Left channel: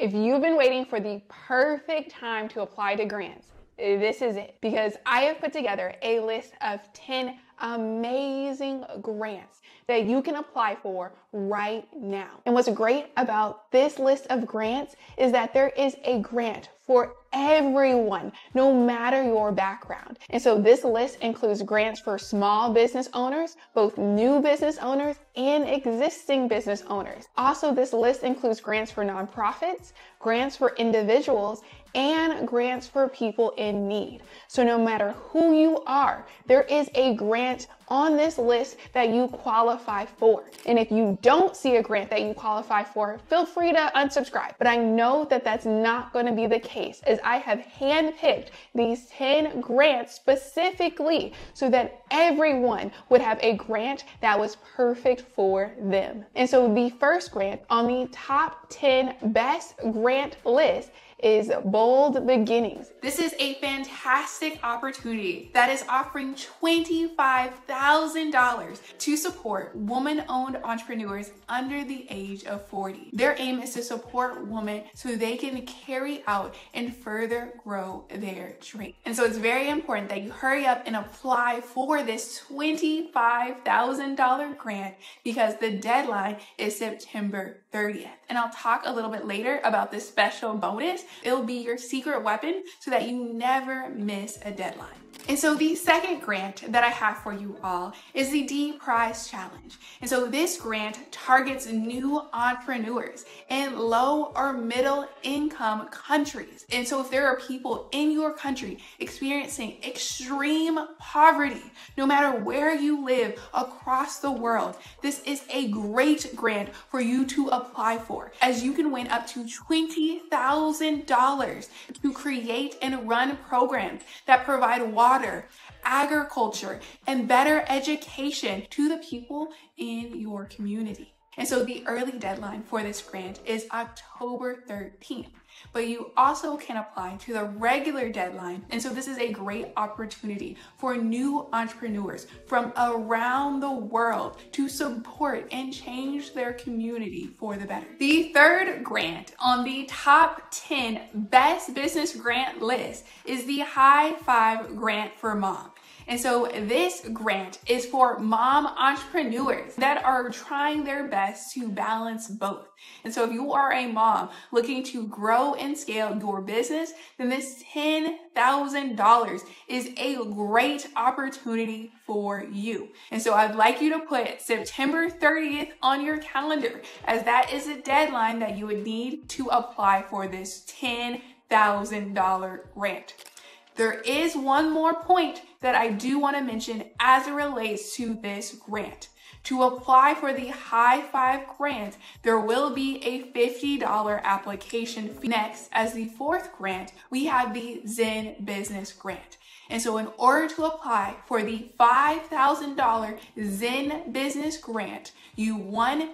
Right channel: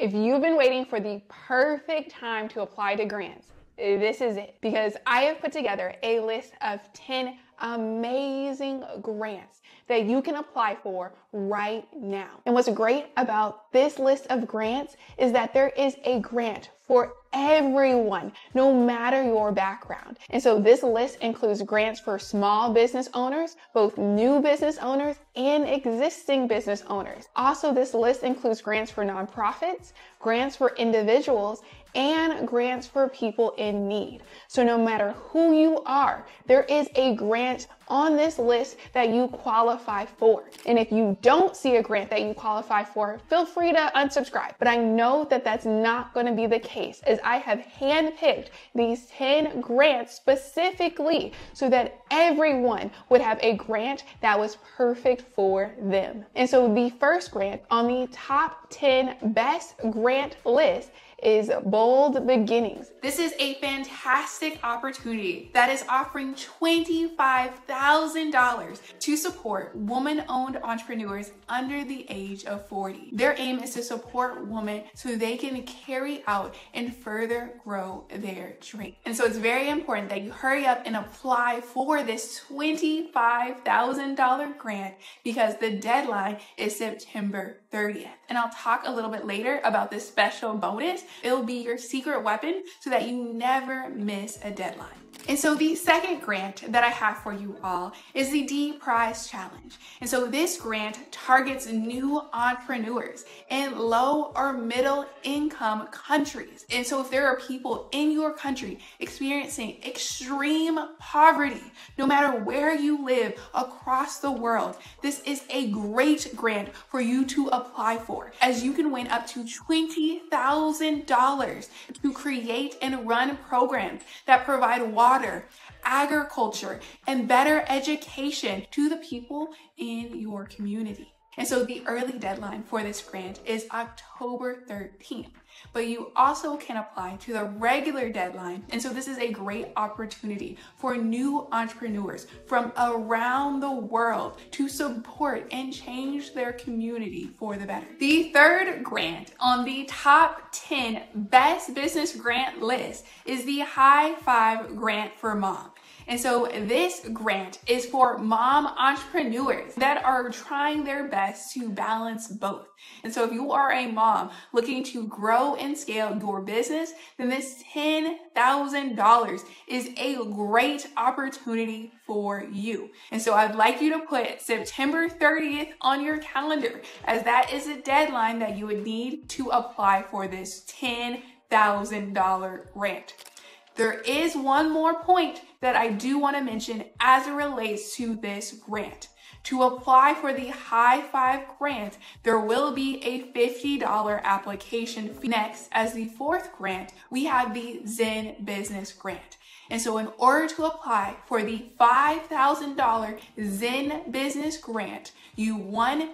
If you've been waiting for the perfect time to apply to grants, this is it, because I have put together a list of 10 amazing grants that you can apply for right now. And what's great about this list of grants is that there is a grant for everyone, no matter your background. And so this list includes grants for small business owners, both new business owners and existing business owners. Also, this list includes grants for nonprofits, grants for individuals, and grants for people in need. So no matter who you are, there is a grant on this list that you qualify for. And if you don't see a grant that you qualify for, feel free to unsubscribe. But I know that that's not going to be the case, as I have handpicked these 10 grants specifically so that everyone would have a grant that was perfect for them. And so the first grant on the top 10 best grant list is Bold Beginnings. This is a fantastic opportunity that is offering $25,000 to support woman-owned entrepreneurs under the age of 40. Their aim is to support women so they can carry out and further grow their dream. And so it's very important that you hurry up and apply for this $25,000 grant because the deadline is September 30th. And I'll talk a little bit later about this special bonus. It will be your secret weapon so that you never miss a deadline. And so the second grant that I have for you all is the D Prize Challenge. And so this grant targets new entrepreneurs in low or middle income countries. And so if there are people in your country experiencing extreme poverty, no matter where you live across the world, this is a great grant for you to apply for, as you can win up to $20,000 to create and run programs that provide water, agriculture, and better education to the people in your community. And so the early deadline for this grant is October 13th. But you also can apply to the regular deadline. And so this is a great opportunity for new entrepreneurs from around the world to support and change their community for the better. The third grant on the top 10 best business grant list is the High Five Grant for Mom. And so this grant is for mom entrepreneurs that are trying their best to balance both. And so if you are a mom looking to grow and scale your business, then this $10,000 is a great opportunity for you. And so I'd like you to put September 30th on your calendar, as that is a deadline that you would need to apply for this $10,000 grant. There is one more point that I do want to mention as it relates to this grant. To apply for the High Five Grant, there will be a $50 application fee. Next, as the fourth grant, we have the ZenBusiness Grant. And so in order to apply for the $5,000 ZenBusiness Grant, you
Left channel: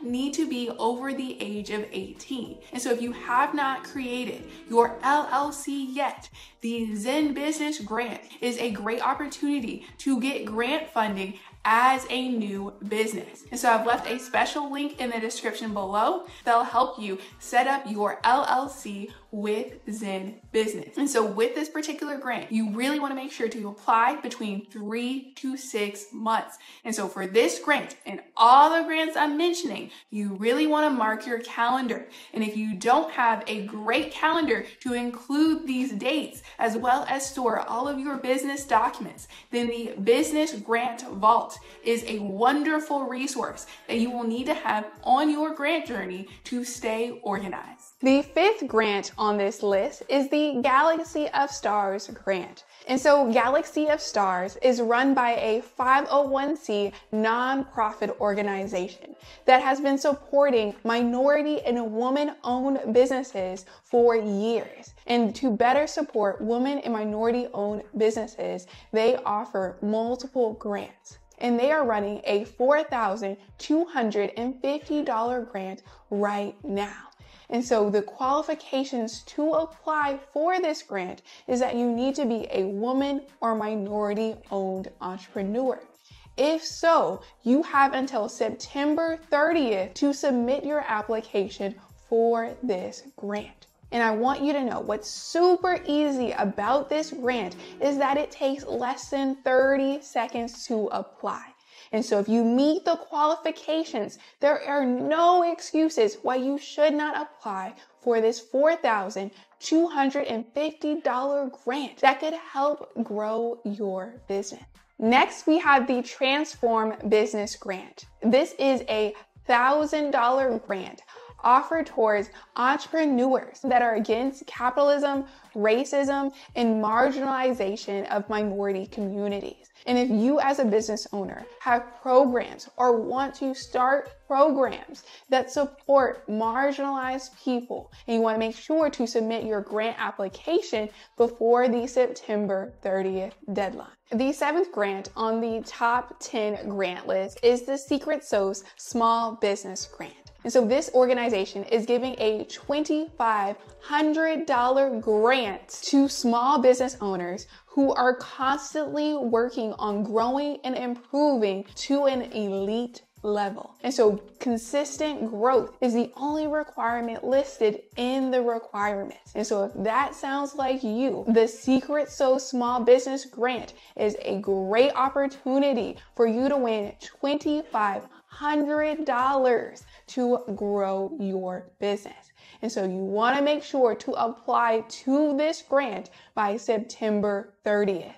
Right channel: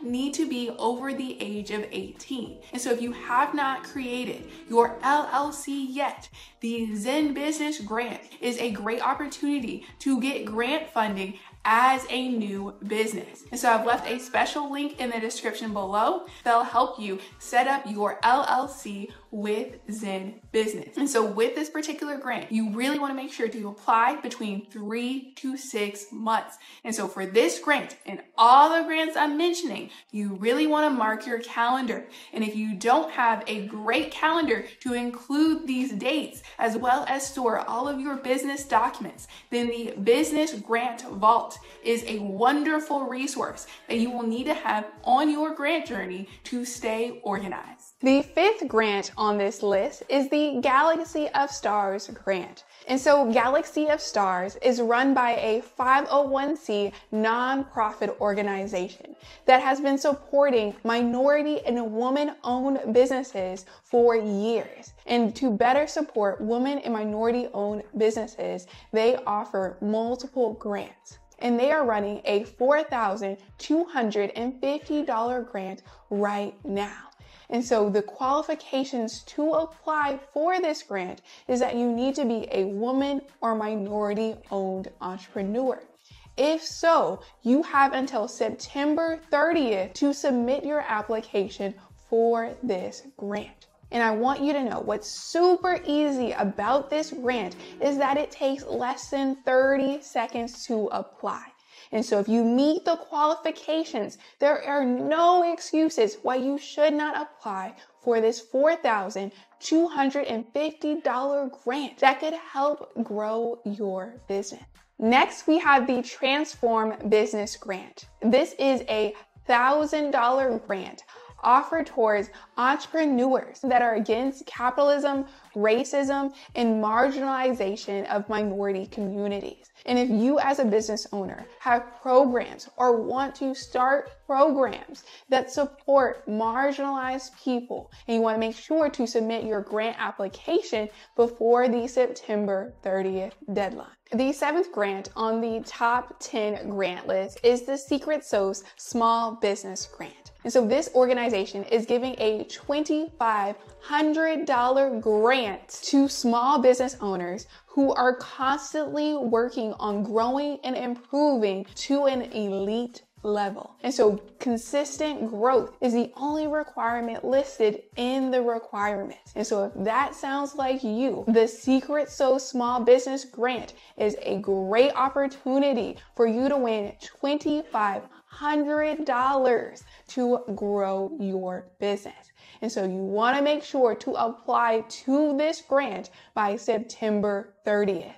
need to be over the age of 18. And so if you have not created your LLC yet, the ZenBusiness Grant is a great opportunity to get grant funding as a new business. And so I've left a special link in the description below that'll help you set up your LLC with ZenBusiness. And so with this particular grant, you really want to make sure to apply between 3 to 6 months. And so for this grant and all the grants I'm mentioning, you really want to mark your calendar. And if you don't have a great calendar to include these dates, as well as store all of your business documents, then the Business Grant Vault is a wonderful resource that you will need to have on your grant journey to stay organized. The fifth grant on this list is the Galaxy of Stars Grant. And so Galaxy of Stars is run by a 501c nonprofit organization that has been supporting minority and woman-owned businesses for years. And to better support women and minority-owned businesses, they offer multiple grants. And they are running a $4,250 grant right now. And so the qualifications to apply for this grant is that you need to be a woman or minority-owned entrepreneur. If so, you have until September 30th to submit your application for this grant. And I want you to know what's super easy about this grant is that it takes less than 30 seconds to apply. And so if you meet the qualifications, there are no excuses why you should not apply for this $4,250 grant that could help grow your business. Next, we have the Transform Business Grant. This is a $1,000 grant offered towards entrepreneurs that are against capitalism, racism, and marginalization of minority communities. And if you as a business owner have programs or want to start programs that support marginalized people, and you want to make sure to submit your grant application before the September 30th deadline. The 7th grant on the top 10 grant list is the Secretsos Small Business Grant. And so this organization is giving a $2,500 grant to small business owners who are constantly working on growing and improving to an elite level. And so consistent growth is the only requirement listed in the requirements. And so if that sounds like you, the Secretsos Small Business Grant is a great opportunity for you to win $2,500 to grow your business. And so you want to make sure to apply to this grant by September 30th.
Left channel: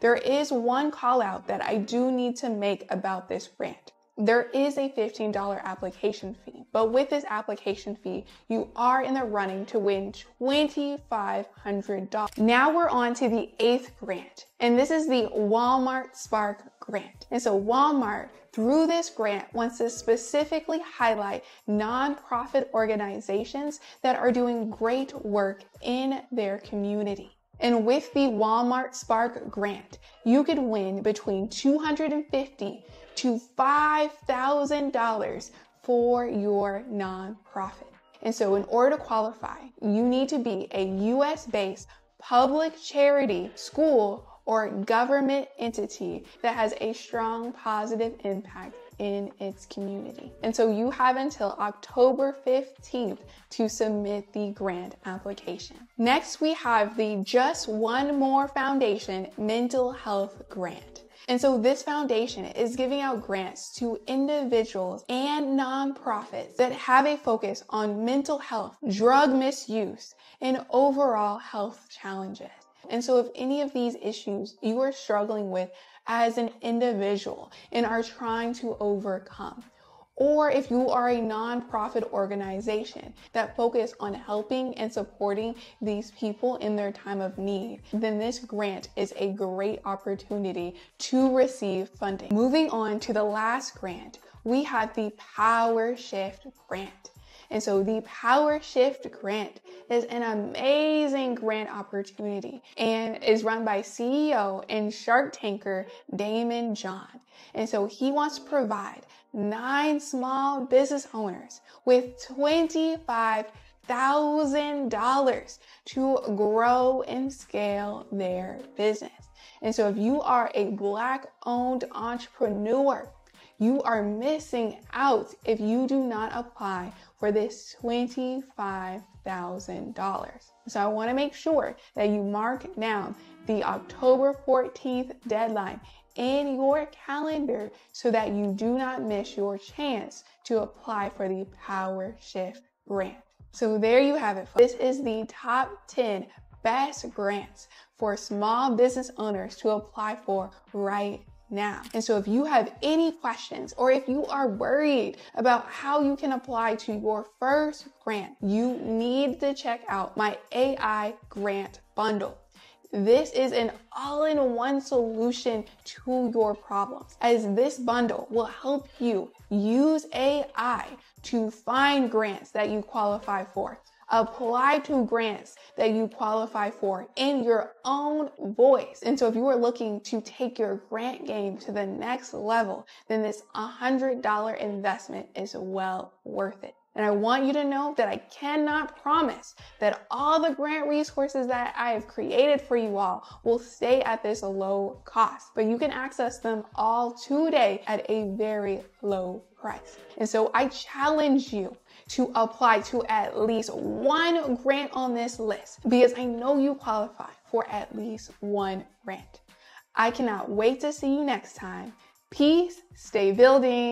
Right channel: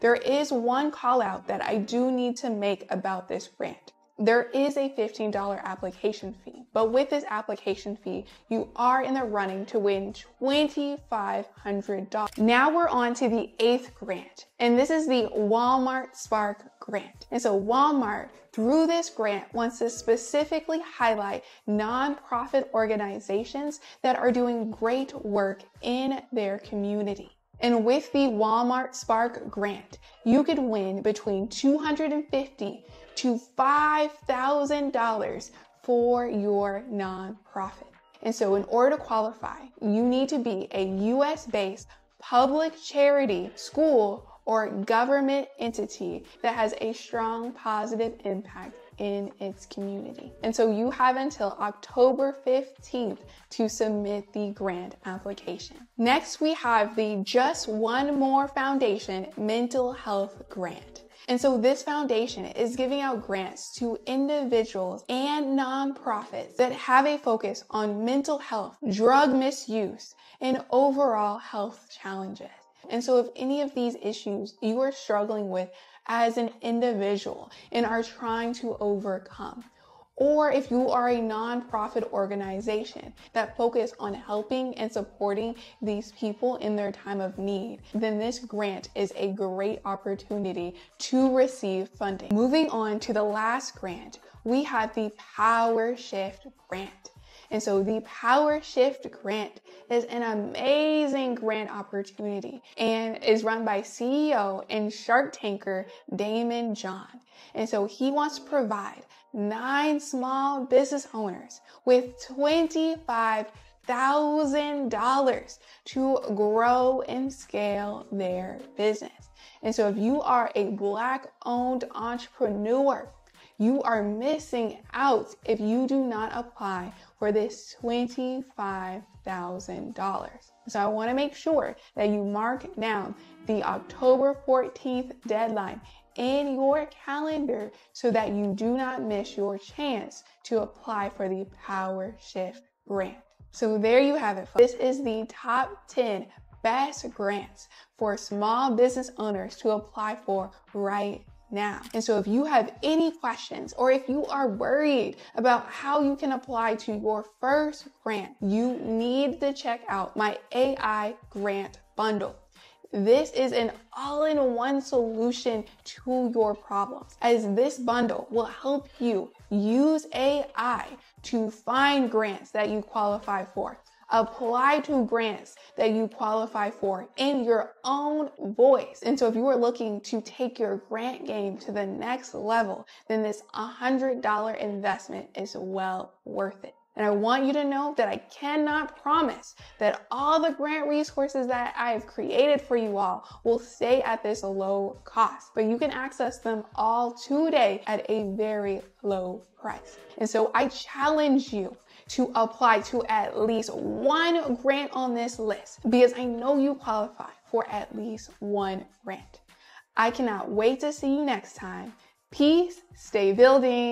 There is one call out that I do need to make about this grant. There is a $15 application fee, but with this application fee, you are in the running to win $2,500. Now we're on to the 8th grant, and this is the Walmart Spark Grant. And so Walmart, through this grant, wants to specifically highlight nonprofit organizations that are doing great work in their community. And with the Walmart Spark Grant, you could win between $250 to $5,000 for your nonprofit. And so in order to qualify, you need to be a US-based public charity, school, or government entity that has a strong positive impact in its community. And so you have until October 15th to submit the grant application. Next, we have the Just One More Foundation Mental Health Grant. And so this foundation is giving out grants to individuals and nonprofits that have a focus on mental health, drug misuse, and overall health challenges. And so if any of these issues you are struggling with as an individual and are trying to overcome, or if you are a nonprofit organization that focus on helping and supporting these people in their time of need, then this grant is a great opportunity to receive funding. Moving on to the last grant, we have the PowerShift Grant. And so the PowerShift Grant is an amazing grant opportunity and is run by CEO and Shark Tanker Damon John. And so he wants to provide 9 small business owners with $25,000 to grow and scale their business. And so if you are a Black-owned entrepreneur, you are missing out if you do not apply for this $25,000. So I want to make sure that you mark down the October 14th deadline in your calendar so that you do not miss your chance to apply for the PowerShift Grant. So there you have it, folks. This is the top 10 best grants for small business owners to apply for right now. And so if you have any questions or if you are worried about how you can apply to your first grant, you need to check out my AI grant bundle. This is an all-in-one solution to your problems, as this bundle will help you use AI to find grants that you qualify for, apply to grants that you qualify for in your own voice. And so if you are looking to take your grant game to the next level, then this $100 investment is well worth it. And I want you to know that I cannot promise that all the grant resources that I've created for you all will stay at this low cost, but you can access them all today at a very low price. And so I challenge you to apply to at least one grant on this list, because I know you qualify for at least one grant. I cannot wait to see you next time. Peace, stay building.